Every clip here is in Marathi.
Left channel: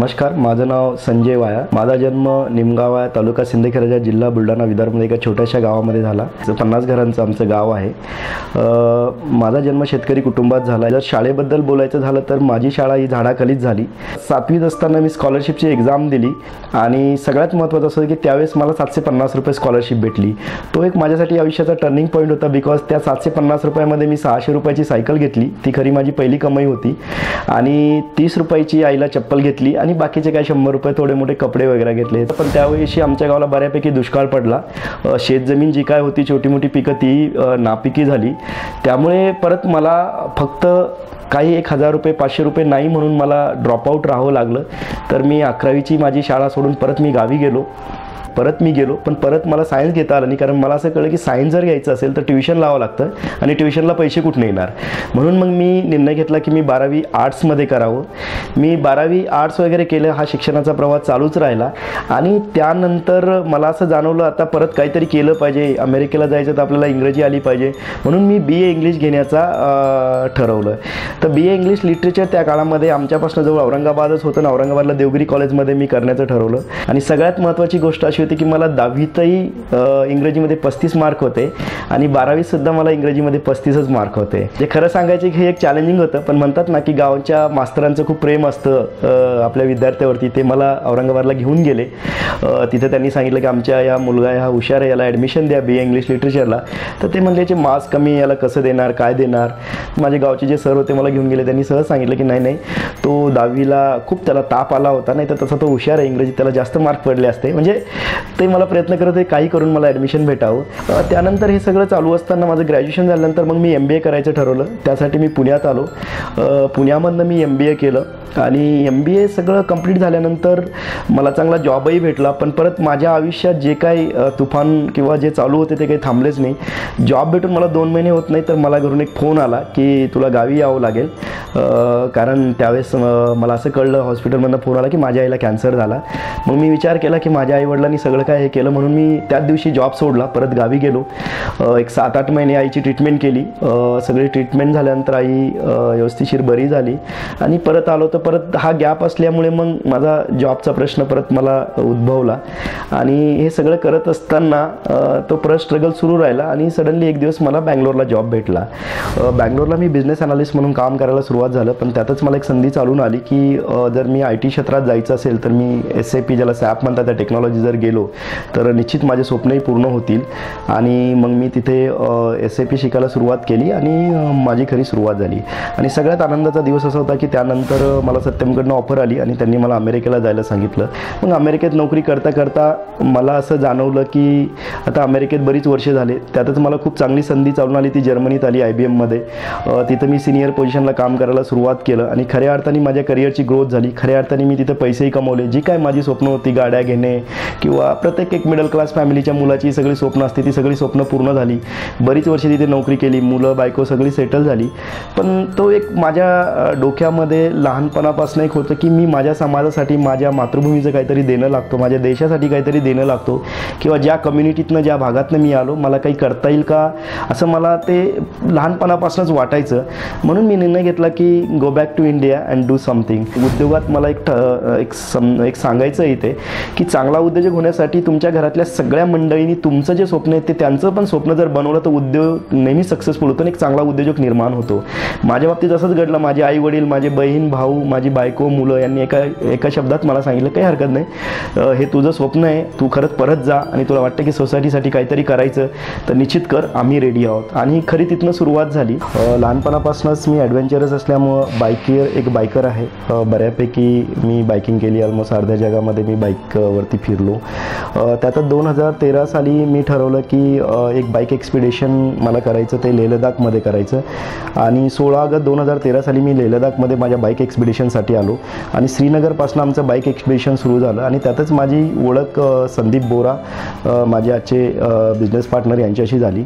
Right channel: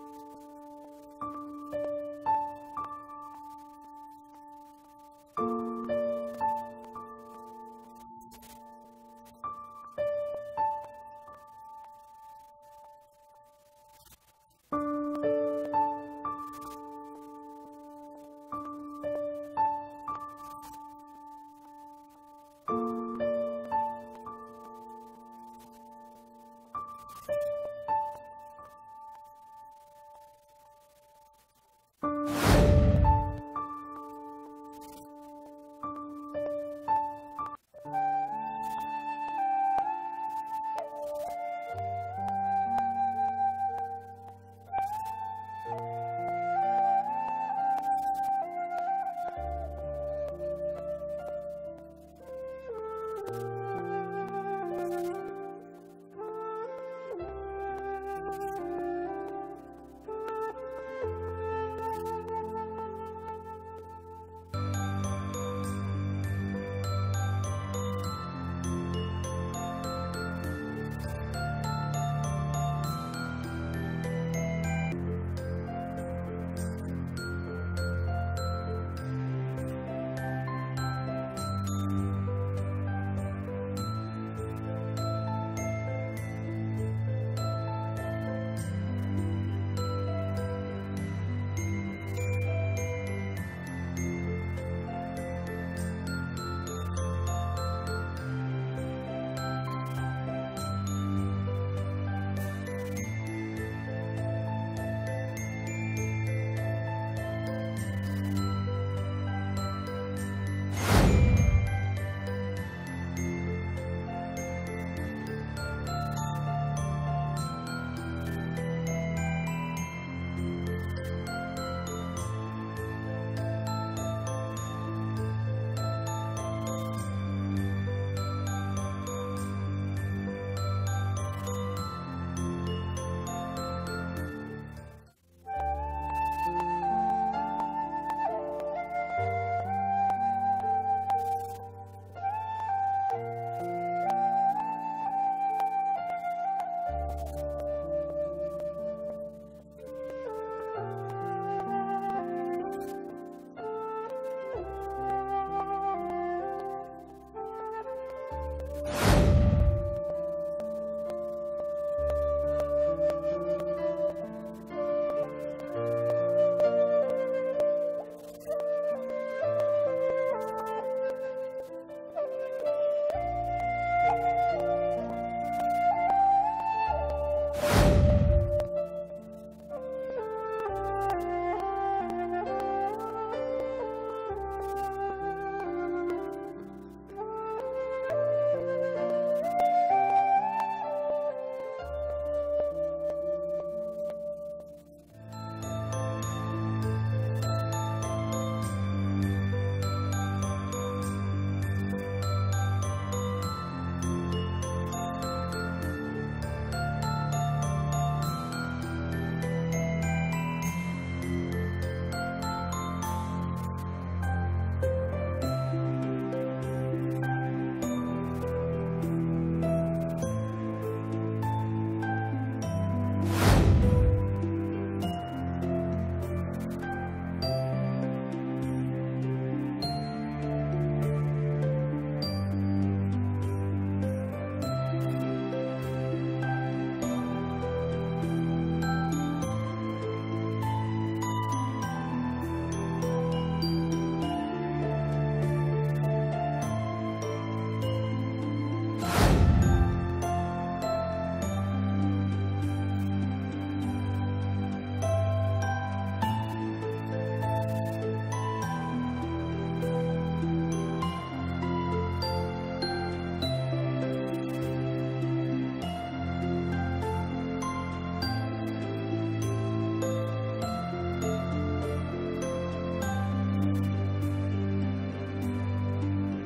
नमस्कार, माझं नाव संजय वाया. माझा जन्म निमगाव तालुका सिंदखेडराजा जिल्हा बुलढाणा विदर्भमध्ये एका छोट्याशा गावामध्ये झाला. 50 घरांचं आमचं गाव आहे. माझा जन्म शेतकरी कुटुंबात झाला. जर शाळेबद्दल बोलायचं झालं तर माझी शाळा ही झाडाखालीच झाली. 7वीत असताना मी स्कॉलरशिपची एक्झाम दिली आणि सगळ्यात महत्त्वाचं असं की त्यावेळेस मला 750 रुपये स्कॉलरशिप भेटली. तो एक माझ्यासाठी आयुष्याचा टर्निंग पॉईंट होता. बिकॉज त्या 750 रुपयामध्ये मी 600 रुपयाची सायकल घेतली. ती खरी माझी पहिली कमाई होती आणि 30 रुपयाची आईला चप्पल घेतली आणि बाकीचे काय 100 रुपये थोडे मोठे कपडे वगैरे घेतले. पण त्यावेळी आमच्या गावाला बऱ्यापैकी दुष्काळ पडला. शेतजमीन जी काय होती, छोटी मोठी पिकं ती नापिकी झाली. त्यामुळे परत मला फक्त काही 1000 रुपये 500 रुपये नाही म्हणून मला ड्रॉपआउट राहावं लागलं. तर मी 11वीची माझी शाळा सोडून परत मी गावी गेलो. पण परत मला सायन्स घेता आलं नाही, कारण मला असं कळलं की सायन्स जर घ्यायचं असेल तर ट्युशन लावावं लागतं आणि ट्युशनला पैसे कुठून येणार. म्हणून मग मी निर्णय घेतला की मी 12वी आर्ट्समध्ये करावं. मी 12वी आर्ट्स वगैरे केलं. हा शिक्षणाचा प्रवास चालूच राहिला आणि त्यानंतर मला असं जाणवलं आता परत काहीतरी केलं पाहिजे. अमेरिकेला जायचं तर आपल्याला इंग्रजी आली पाहिजे. म्हणून मी BA इंग्लिश घेण्याचा ठरवलं. तर BA इंग्लिश लिटरेचर त्या काळामध्ये आमच्यापासून जवळ औरंगाबादच होतं. औरंगाबादला देवगिरी कॉलेजमध्ये मी करण्याचं ठरवलं. आणि सगळ्यात महत्त्वाची गोष्ट अशी होती की मला 10वीतही इंग्रजीमध्ये 35 मार्क होते आणि 12वीत सुद्धा मला इंग्रजीमध्ये 35च मार्क होते. जे खरं सांगायचे की हे एक चॅलेंजिंग होतं, पण म्हणतात ना की गावच्या मास्तरांचं खूप प्रेम असतं आपल्या विद्यार्थ्यावरती. ते मला औरंगाबादला घेऊन गेले. तिथे त्यांनी सांगितलं की आमच्या या मुलगा हा हुशार आहे, याला ॲडमिशन द्या BA इंग्लिश लिटरेचरला. तर ते म्हणले याचे मार्क्स कमी, याला कसं देणार, काय देणार. माझे गावचे जे सर होते मला घेऊन गेले. त्यांनी सहज सांगितलं की नाही तो 10वीला खूप त्याला ताप आला होता, नाही तर तसा तो हुशार आहे, इंग्रजीत त्याला जास्त मार्क पडले असते. म्हणजे ते मला प्रयत्न करत होते काही करून मला ॲडमिशन भेटावं. त्यानंतर हे सगळं चालू असताना माझं ग्रॅज्युएशन झाल्यानंतर मग मी MBA करायचं ठरवलं. त्यासाठी मी पुण्यात आलो. पुण्यामधनं मी MBA केलं आणि MBA सगळं कंप्लीट झाल्यानंतर मला चांगला जॉबही भेटला. पण परत माझ्या आयुष्यात जे काही तुफान किंवा जे चालू होते ते काही थांबलेच नाही. जॉब भेटून मला 2 महिने होत नाही तर मला घरून एक फोन आला की तुला गावी यावं लागेल. कारण त्यावेळेस मला असं कळलं, हॉस्पिटलमधनं फोन आला की माझ्या आईला कॅन्सर झाला. मग मी विचार केला की माझ्या आईवडिलांनी सगळं काय हे केलं, म्हणून मी त्याच दिवशी जॉब सोडला. परत गावी गेलो. एक 7-8 महिने आईची ट्रीटमेंट केली. सगळी ट्रीटमेंट झाल्यानंतर आई व्यवस्थितशीर बरी झाली आणि परत आलो. तर परत हा गॅप असल्यामुळे मग माझा जॉबचा प्रश्न परत मला उद्भवला आणि हे सगळं करत असताना तो परत स्ट्रगल सुरू राहिला आणि सडनली एक दिवस मला बँगलोरला जॉब भेटला. बँगलोरला मी बिझनेस अनालिस्ट म्हणून काम करायला सुरुवात झालं. पण त्यातच मला एक संधी चालून आली की जर मी IT क्षेत्रात जायचं असेल तर मी SAP ज्याला SAP म्हणतात त्या टेक्नॉलॉजी जर गेलो तर निश्चित माझे स्वप्नही पूर्ण होतील. आणि मग मी तिथे SAP शिकायला सुरुवात केली आणि माझी खरी सुरुवात झाली. आणि सगळ्यात आनंदाचा दिवस असा होता की त्यानंतर मला सत्यमकडनं ऑफर आली आणि त्यांनी मला अमेरिकेला जायला सांगितलं. मग अमेरिकेत नोकरी करता करता मला असं जाणवलं की आता अमेरिकेत बरीच वर्षे झाले. त्यातच मला खूप चांगली संधी चालून आली. ती जर्मनीत आली IBMमध्ये. तिथं मी सिनियर पोझिशनला काम करायला सुरुवात केलं आणि खऱ्या अर्थाने माझ्या करिअरची ग्रोथ झाली. खऱ्या अर्थाने मी तिथं पैसेही कमवले. जी काय माझी स्वप्न होती, गाड्या घेणे किंवा प्रत्येक एक मिडल क्लास फॅमिलीच्या मुलाची सगळी स्वप्न असते, ती सगळी स्वप्न पूर्ण झाली. बरीच वर्षे तिथे नोकरी केली. मुलं बायको सगळी सेटल झाली. पण तो एक माझ्या डोक्यामध्ये लहानपणापासून एक होतं की मी माझ्या समाजासाठी, माझ्या मातृभूमीचं काहीतरी देणं लागतो, माझ्या देशासाठी काहीतरी देणं लागतो किंवा ज्या कम्युनिटीतनं, ज्या भागातनं मी आलो मला काही करता येईल का, असं मला ते लहानपणापासूनच वाटायचं. म्हणून मी निर्णय घेतला की go back to India and do something. उद्योगात मला एक सांगायचं इथे की चांगला उद्योजक होण्यासाठी तुमच्या घरातल्या सगळ्या मंडळींनी तुमचं जे स्वप्न आहे ते त्यांचं पण स्वप्न जर बनवलं तर उद्योग नेहमी सक्सेसफुल होतो आणि एक चांगला उद्योजक निर्माण होतो. माझ्या बाबतीत असंच घडलं. माझे आई वडील, माझे बहीण भाऊ, माझी बायको, मुलं यांनी एका शब्दात मला सांगितलं काही हरकत नाही, हे तुझं स्वप्न आहे, तू खरंच परत जा आणि तुला वाटतं की सोसायटीसाठी काहीतरी करायचं तर निश्चित कर, आम्ही रेडी आहोत. आणि खरी तिथनं सुरुवात झाली. लहानपणापासूनच मी ॲडव्हेंचरस असल्यामुळं एक बायकर आहे. बऱ्यापैकी मी बायकिंग केली. ऑलमोस्ट अर्ध्या जगामध्ये मी बाईकवरती फिरलो. त्यातच 2013 साली मी ठरवलं की एक बाईक एक्सपिडिशन मला करायचं, ते लेह लडाखमध्ये करायचं. आणि 16 ऑगस्ट 2013 साली मी लेह लडाखमध्ये माझ्या बाईक एक्सपिडिशनसाठी आलो आणि श्रीनगरपासून आमचं बाईक एक्सपिडिशन सुरू झालं. आणि त्यातच माझी ओळख संदीप बोरा, माझे आजचे बिझनेस पार्टनर, यांच्याशी झाली.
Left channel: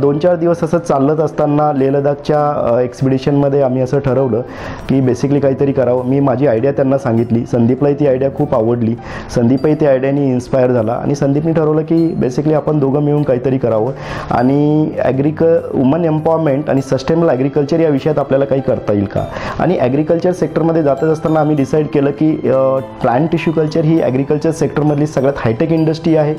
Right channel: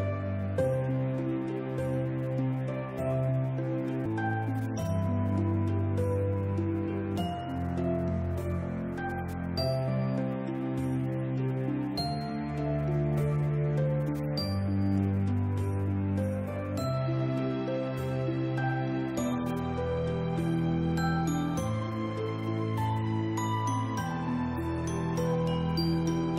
2-4 दिवस असं चालत असताना लेह लडाखच्या एक्सपिडिशनमध्ये आम्ही असं ठरवलं की बेसिकली काहीतरी करावं. मी माझी आयडिया त्यांना सांगितली. संदीपलाही ती आयडिया खूप आवडली. संदीपही त्या आयडियाने मी इन्स्पायर झाला आणि संदीपनी ठरवलं की बेसिकली आपण दोघं मिळून काहीतरी करावं आणि वुमन एम्पॉवरमेंट आणि सस्टेनेबल ॲग्रिकल्चर या विषयात आपल्याला काही करता येईल का. आणि ॲग्रिकल्चर सेक्टरमध्ये जात असताना आम्ही डिसाईड केलं की प्लांट टिश्यू कल्चर ही ॲग्रिकल्चर सेक्टरमधली सगळ्यात हायटेक इंडस्ट्री आहे.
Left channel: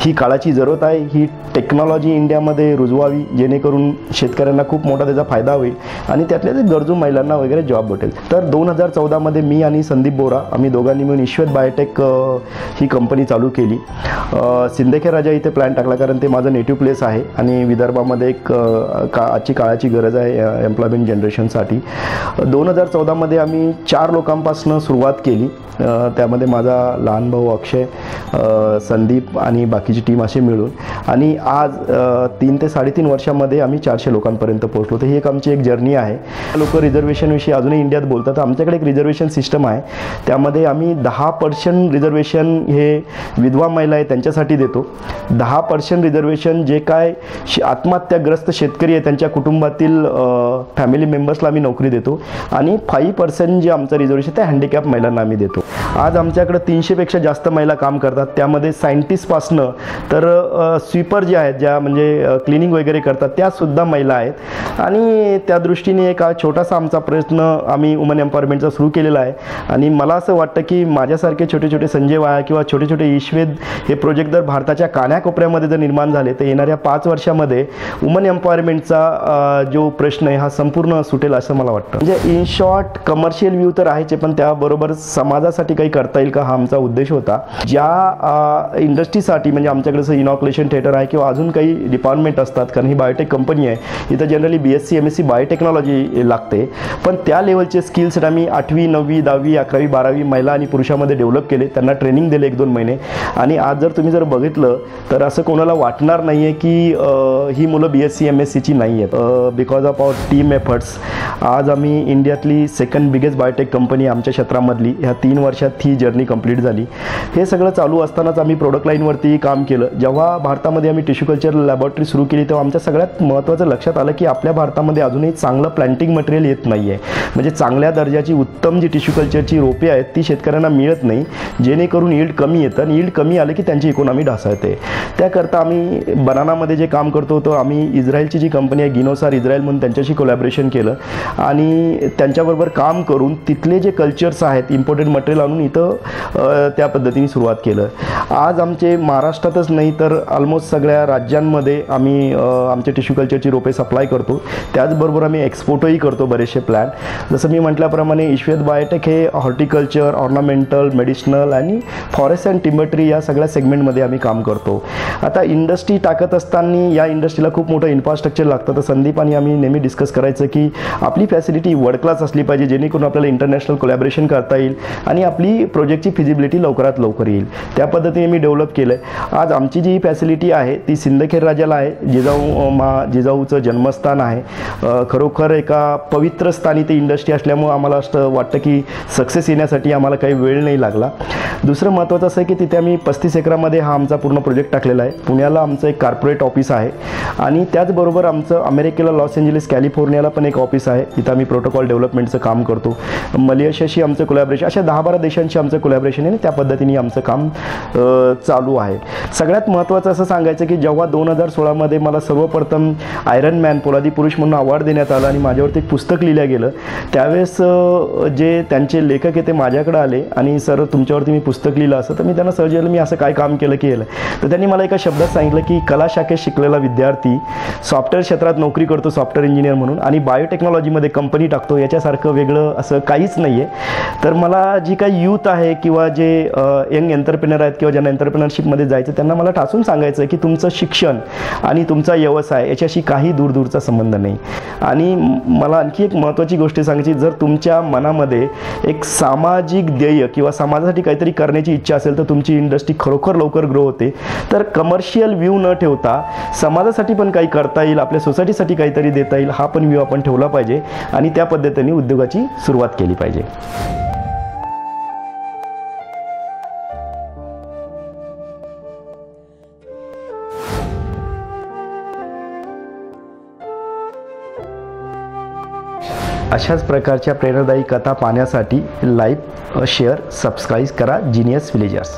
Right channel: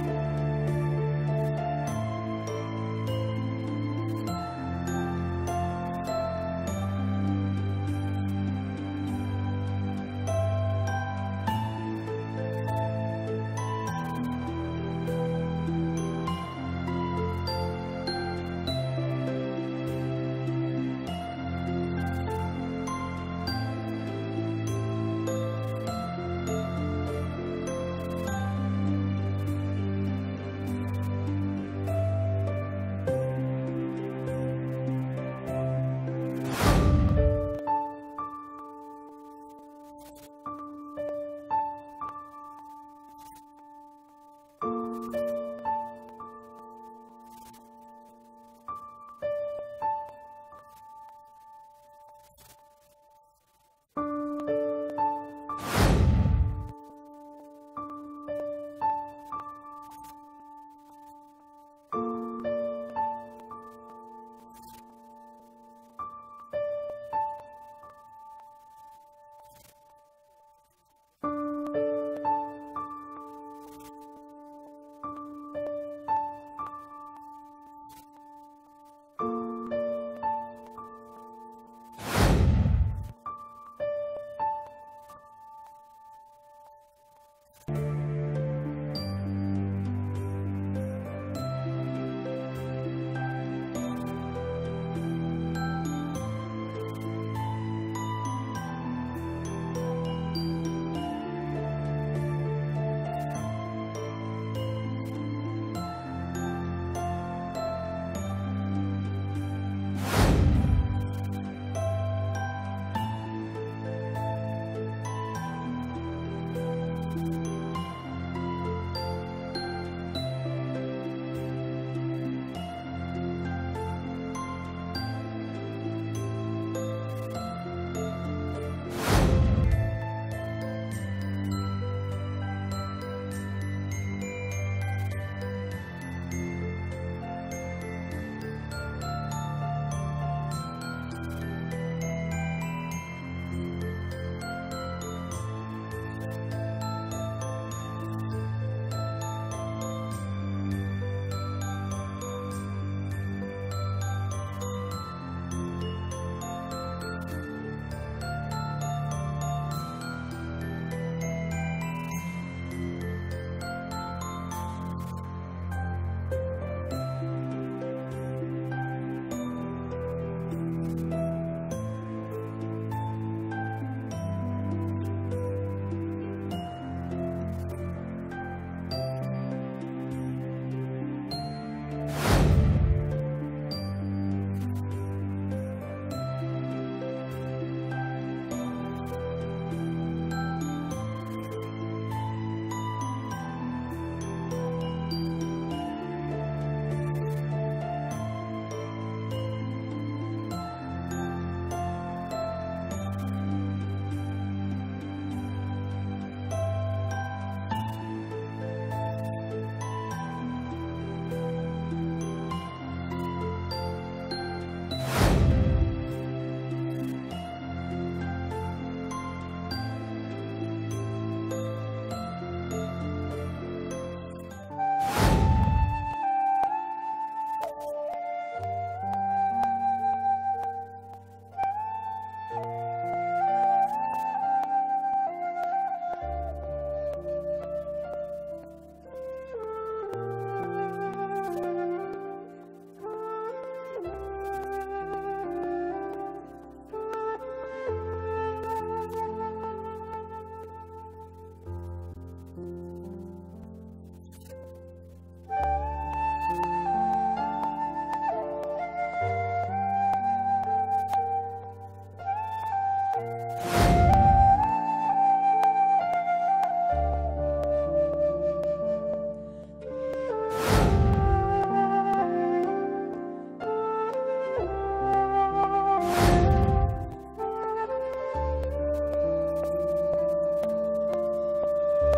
ही काळाची जरूरत आहे. ही टेक्नॉलॉजी इंडियामध्ये रुजवावी जेणेकरून शेतकऱ्यांना खूप मोठा त्याचा फायदा होईल आणि त्यातल्या ते गरजू महिलांना वगैरे जॉब भेटेल. तर 2014मध्ये मी आणि संदीप बोरा आम्ही दोघांनी मिळून ईश्वेत बायोटेक ही कंपनी चालू केली. सिंदखेड राजा इथे प्लॅन टाकला कारण ते माझं नेटिव्ह प्लेस आहे आणि विदर्भामध्ये एक आजची काळाची गरज आहे एम्प्लॉयमेंट जनरेशनसाठी. 2014मध्ये आम्ही 4 लोकांपासून सुरुवात केली. त्यामध्ये माझा लहान भाऊ अक्षय, संदीप आणि बाकीची टीम असे मिळून आणि आज 3 ते 3.5 वर्षामध्ये आम्ही 400 लोकांपर्यंत पोहोचलो. तर ही आमची एक जर्नी आहे. लोक रिझर्वेशनविषयी अजूनही इंडियात बोलतात. आमच्याकडे एक रिझर्वेशन सिस्टम आहे. त्यामध्ये आम्ही 10% रिझर्वेशन हे विधवा महिला आहे त्यांच्यासाठी देतो. 10% रिझर्वेशन जे काय आत्महत्याग्रस्त शेतकरी आहे त्यांच्या कुटुंबातील फॅमिली मेंबर्सला आम्ही नोकरी देतो आणि 5% जे आमचं रिझर्वेशन ते हँडिकॅप महिलांना आम्ही देतो. आज आमच्याकडे 300पेक्षा जास्त महिला काम करतात. त्यामध्ये सायंटिस्टपासनं तर स्वीपर जे आहेत ज्या म्हणजे क्लिनिंग वगैरे करतात त्यासुद्धा महिला आहेत आणि त्या दृष्टीने एक छोटासा आमचा प्रयत्न आम्ही वुमन एम्पॉवरमेंटचा सुरू केलेला आहे. आणि मला असं वाटतं की माझ्यासारखे छोटे छोटे संजय वाया किंवा छोटे छोटे ईश्वेद हे प्रोजेक्ट जर भारताच्या कानाकोपऱ्यामध्ये जर निर्माण झाले तर येणाऱ्या 5 वर्षामध्ये वुमन एम्पॉवरमेंटचा जो प्रश्न आहे हा संपूर्ण सुटेल असं मला वाटतं. म्हणजे इन शॉर्ट कमर्शियल व्ह्यू तर आहेच पण त्याबरोबर समाजासाठी काही करता येईल का हा आमचा उद्देश होता. ज्या इंडस्ट्रीसाठी म्हणजे आमच्याकडे जसं इनॉक्युलेशन थिएटर आहे किंवा अजून काही डिपार्टमेंट असतात कारण ही बायोटेक कंपनी आहे. इथं जनरली BSc MSc बायोटेक्नॉलॉजी लागते पण त्या लेवलचे स्किल सेट आम्ही 8वी 9वी 10वी 11वी 12वी महिला आणि पुरुषामध्ये डेव्हलप केले. त्यांना ट्रेनिंग दिले 1-2 महिने आणि आज जर तुम्ही जर बघितलं तर असं कोणाला वाटणार नाही आहे की ही मुलं BSc MScची नाही आहेत. Because of our team efforts आज आम्ही इंडियातली सेकंड बिगेस्ट बायोटेक कंपनी आमच्या क्षेत्रामधली ह्या 3 वर्षात ही जर्नी कंप्लीट झाली. हे सगळं चालू असतानाच आम्ही प्रोडक्ट लाईनवरती काम केलं. जेव्हा भारतामध्ये आम्ही टिश्यू कल्चर लॅबोरेटरी सुरू केली तेव्हा आमच्या सगळ्यात महत्त्वाचं लक्षात आलं की आपल्या भारतामध्ये अजूनही चांगलं प्लांटिंग मटेरियल येत नाही आहे. म्हणजे चांगल्या दर्जाची उत्तम जी टिश्यू कल्चरची रोपे आहेत ती शेतकऱ्यांना मिळत नाही जेणेकरून यील्ड कमी येतं आणि यील्ड कमी आलं की त्यांची इकॉनॉमी ढासळते. त्याकरता आम्ही बनानामध्ये जे काम करतो तो आम्ही इस्रायलची जी कंपनी आहे गिनोसार इस्रायल म्हणून त्यांच्याशी कोलॅबोरेशन केलं आणि त्यांच्याबरोबर काम करून तिथले जे कल्चर्स आहेत इम्पोर्टेड मटेरियल आणून इथं त्या पद्धतीने सुरुवात केलं. आज आमचे महाराष्ट्रातच नाही तर ऑलमोस्ट सगळ्या राज्यांमध्ये आम्ही आमचे टिश्यू कल्चरची रोपे सप्लाय करतो. त्याचबरोबर आम्ही एक्सपोर्टही करतो बरेचसे प्लॅन. जसं मी म्हटल्याप्रमाणे ईश्वेत बायोटेक हे हॉर्टिकल्चर, ऑर्नामेंटल, मेडिसिनल आणि फॉरेस्ट अँड टिम्बर ट्री या सगळ्या सेगमेंटमध्ये आम्ही काम करतो. आता इंडस्ट्री टाकत असताना या इंडस्ट्रीला खूप मोठं इन्फ्रास्ट्रक्चर लागतं. तर संदीप आणि आम्ही नेहमी डिस्कस करायचं की आपली फॅसिलिटी वर्ल्ड क्लास असली पाहिजे जेणेकरून आपल्याला इंटरनॅशनल कोलॅबोरेशन करता येईल आणि आपली प्रोजेक्टची फिजिबिलिटी लवकरात लवकर येईल. त्या पद्धतीने मी डेव्हलप केलं आहे. आज आमची जी फॅसिलिटी आहे ती सिंदखेड राजाला आहे. जिजाऊचं जन्मस्थान आहे. खरोखर एका पवित्र स्थानी ती इंडस्ट्री असल्यामुळे आम्हाला असं वाटतं की सक्सेस येण्यासाठी आम्हाला काही वेळ नाही लागला. दुसरं महत्त्वाचं असं आहे की तिथे आम्ही 35 एकरामध्ये हा आमचा पूर्ण प्रोजेक्ट टाकलेला आहे. पुण्याला आमचं एक कॉर्पोरेट ऑफिस आहे आणि त्याचबरोबर आमचं अमेरिकेला लॉस एंजेलिस कॅलिफोर्नियाला पण एक ऑफिस आहे. तिथं आम्ही प्रोटोकॉल डेव्हलपमेंटचं काम करतो. मलेशियाशी आमचं कोलॅबोरेशन अशा 10-12 देशांशी आमचं कोलॅबोरेशन आहे आणि त्या पद्धतीने आमचं काम चालू आहे. सगळ्यात महत्त्वाचं असं सांगायचं की जेव्हा 2016मध्ये मला सर्वप्रथम आयरन मॅन पोलादी पुरुष म्हणून अवॉर्ड देण्यात आला आणि माझ्यावरती एक पुस्तक लिहिलं गेलं त्यावेळेस जे त्यांचे लेखक आहे ते माझ्याकडे आले आणि सर तुमच्यावरती मी पुस्तक लिहिलं असं. तर मी त्यांना सहज मी असं काय काम केलं. तर त्यांनी मला एका शब्दात सांगितलं की कला शाखेत शिकलेला विद्यार्थी सॉफ्टवेअर क्षेत्रात नोकरी करतो सॉफ्टवेअर इंजिनियर म्हणून आणि बायोटेक्नॉलॉजीमध्ये कंपनी टाकतो याच्यासारखं वेगळं असं काहीच नाही आहे. तर मला जी काही यूथ आहे किंवा जे यंग एंटरप्रेनर आहेत किंवा ज्यांना एंटरप्रेनरशिपमध्ये जायचं त्यांना मला ठासून सांगायचं आहे की तुमचं शिक्षण आणि तुमचा व्यवसाय याच्याशी काही दूरचा संबंध नाही. आणि मला आणखी एक महत्त्वाची गोष्ट सांगायची, जर तुमच्या मनामध्ये एक सामाजिक ध्येय किंवा समाजासाठी काहीतरी करण्याची इच्छा असेल तर तुमची इंडस्ट्री खरोखर लवकर ग्रो होते. तर कमर्शियल व्ह्यू न ठेवता समाजासाठी पण काही करता येईल, आपल्या सोसायटीसाठी काहीतरी देता येईल हा पण व्ह्यू आपण ठेवला पाहिजे आणि त्या पद्धतीने उद्योगाची सुरुवात केली पाहिजे. अशाच प्रकारच्या प्रेरणादायी कथा पाहण्यासाठी लाईक, शेअर, सबस्क्राईब करा जीनियस विलेजर्स.